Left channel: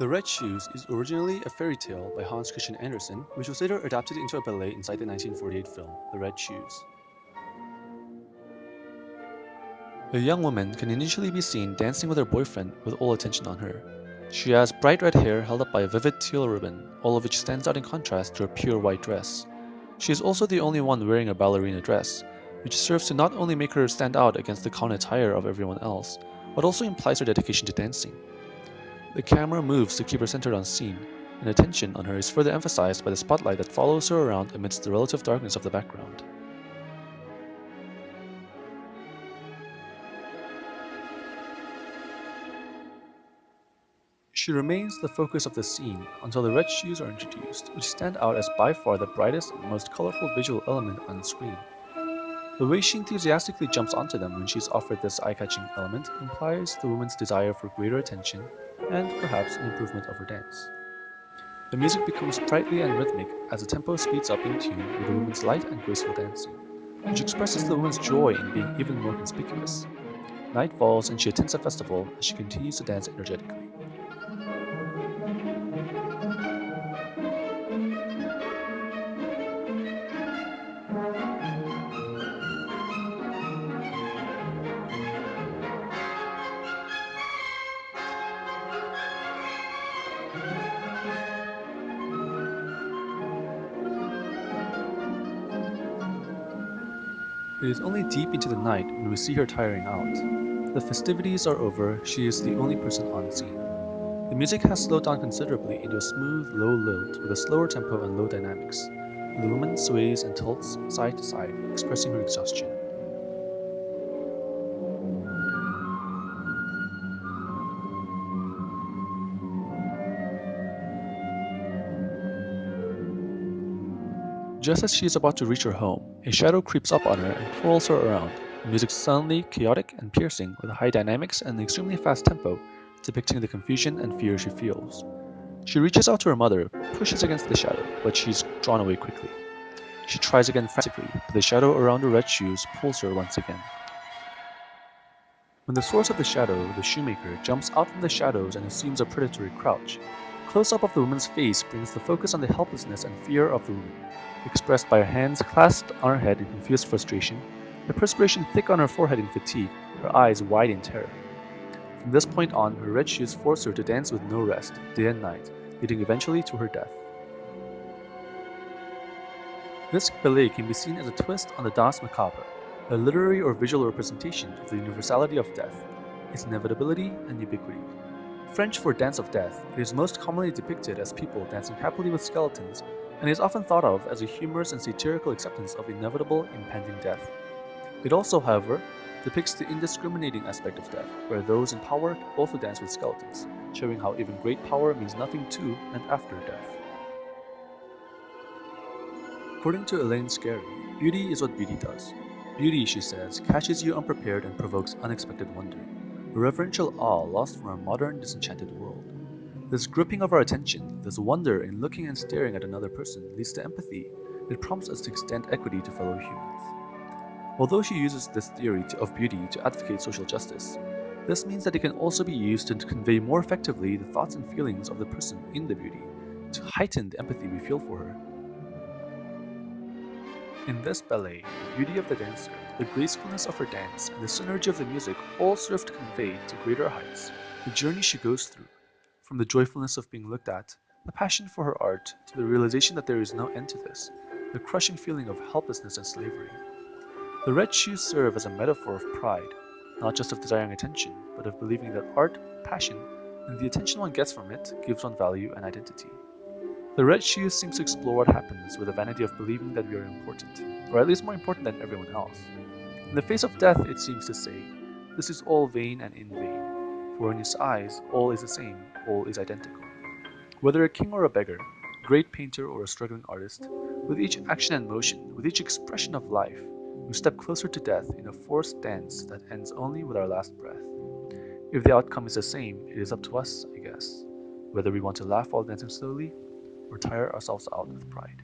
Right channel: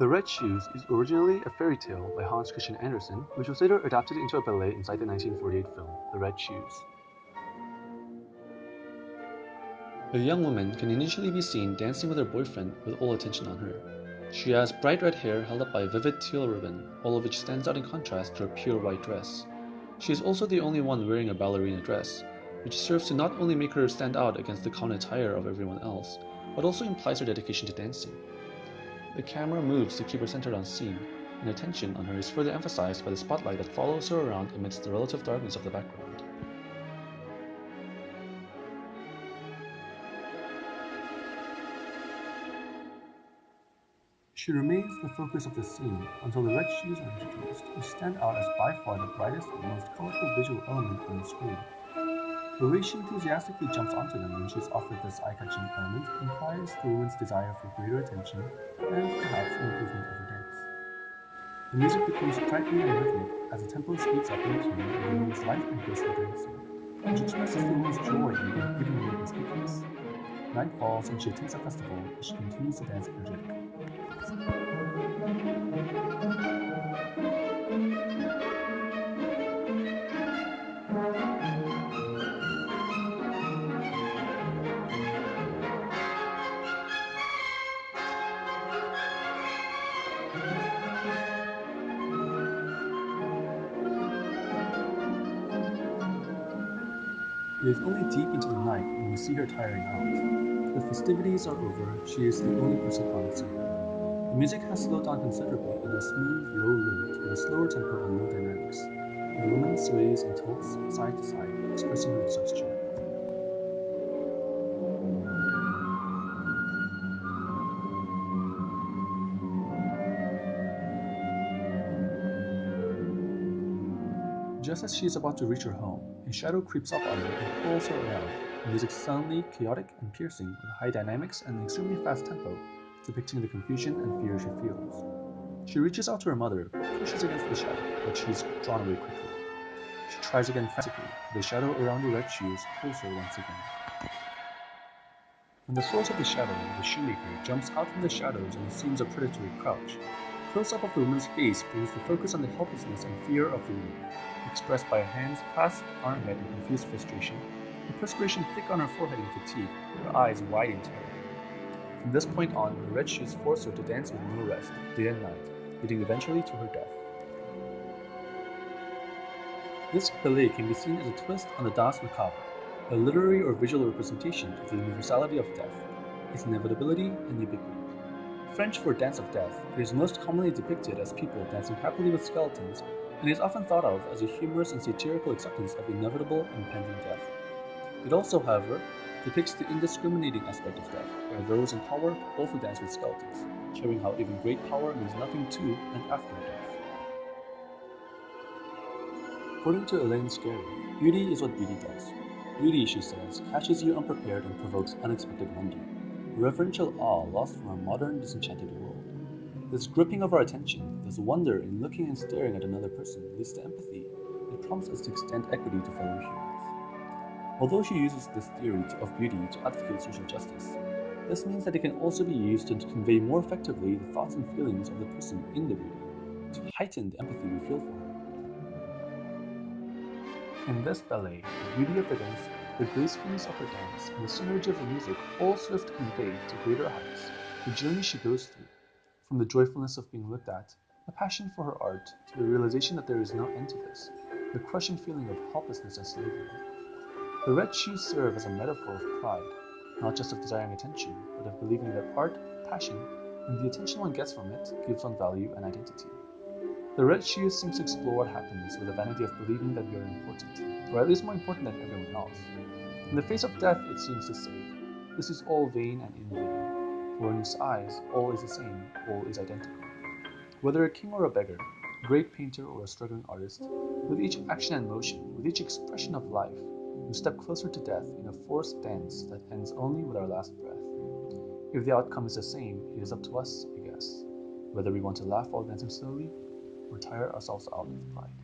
The Red Shoes is originally a fairy tale by Hans Christian Andersen, which was later adapted into a ballet inside the 1948 film, The Red Shoes. A young woman can initially be seen dancing with her boyfriend with all attention on her. She has bright red hair held up by a vivid teal ribbon, all of which stands out in contrast to her pure white dress. She is also the only one wearing a ballerina dress, which serves to not only make her stand out against the common attire of everyone else, but also implies her dedication to dancing. The camera moves to keep her centered on scene, and attention on her is further emphasized by the spotlight that follows her around amidst the relative darkness of the background. She remains the focus of the scene until the red shoes are introduced, which stand out as by far the brightest and most colorful visual element on the screen. The way she enthusiastically jumps onto them when she is offered this eye-catching element implies the woman's desire for greater attention and perhaps an improvement of her dance. The music becomes sprightly and rhythmic as the tempo speeds up in tune with the woman's light and graceful dancing, which expresses the woman's joy in being even more conspicuous. Night falls and she attends a festival as she continues to dance energetically. It is only deep into the night when we see her tiring out. The festivities are over, she is the only person on scene. The music has slowed down considerably into a smooth, low lilt with a slower tempo and low dynamics, and the woman sways and tilts side to side, expressing her exhaustion. Just as she is about to reach her home, a shadow creeps up on her and twirls her around, the music suddenly chaotic and piercing with high dynamics and an extremely fast tempo, depicting the confusion and fear she feels. She reaches out to her mother, pushes against the shadow, but she is drawn away quickly. She tries again frantically, but the shadow around her red shoes pulls her once again. When the source of the shadow, the shoemaker, jumps out from the shadows and assumes a predatory crouch, a close-up of the woman's face brings the focus on the helplessness and fear of the woman, expressed by her hands clasped on her head in confused frustration, the perspiration thick on her forehead in fatigue, her eyes wide in terror. From this point on, her red shoes force her to dance with no rest, day and night, leading eventually to her death. This ballet can be seen as a twist on the Danse Macabre, a literary or visual representation of the universality of death, its inevitability and ubiquity. French for dance of death, it is most commonly depicted as people dancing happily with skeletons, and is often thought of as a humorous and satirical acceptance of inevitable impending death. It also, however, depicts the indiscriminating aspect of death, where those in power also dance with skeletons, showing how even great power means nothing to and after death. According to Elaine Scarry, beauty is what beauty does. Beauty, she says, catches you unprepared and provokes unexpected wonder, a reverential awe lost from our modern, disenchanted world. This gripping of our attention, this wonder in looking and staring at another person, leads to empathy. It prompts us to extend equity to fellow humans. Although she uses this theory of beauty to advocate social justice, this means that it can also be used to convey more effectively the thoughts and feelings of the person in the beauty, to heighten the empathy we feel for her. In this ballet, the beauty of the dancer, the gracefulness of her dance, and the synergy of the music all serve to convey to greater heights the journey she goes through, from the joyfulness of being looked at, the passion for her art, to the realization that there is no end to this, the crushing feeling of helplessness and slavery. The red shoes serve as a metaphor of pride, not just of desiring attention, but of believing that art, passion, and the attention one gets from it gives one value and identity. The red shoes seems to explore what happens with the vanity of believing that we are important, or at least more important than everyone else. In the face of death, it seems to say, this is all vain and in vain, for in his eyes all is the same, all is identical. Whether a king or a beggar, a great painter or a struggling artist, with each action and motion, with each expression of life, we step closer to death in a forced dance that ends only with our last breath. If the outcome is the same, it is up to us, I guess, whether we want to laugh while dancing slowly or tire ourselves out with pride.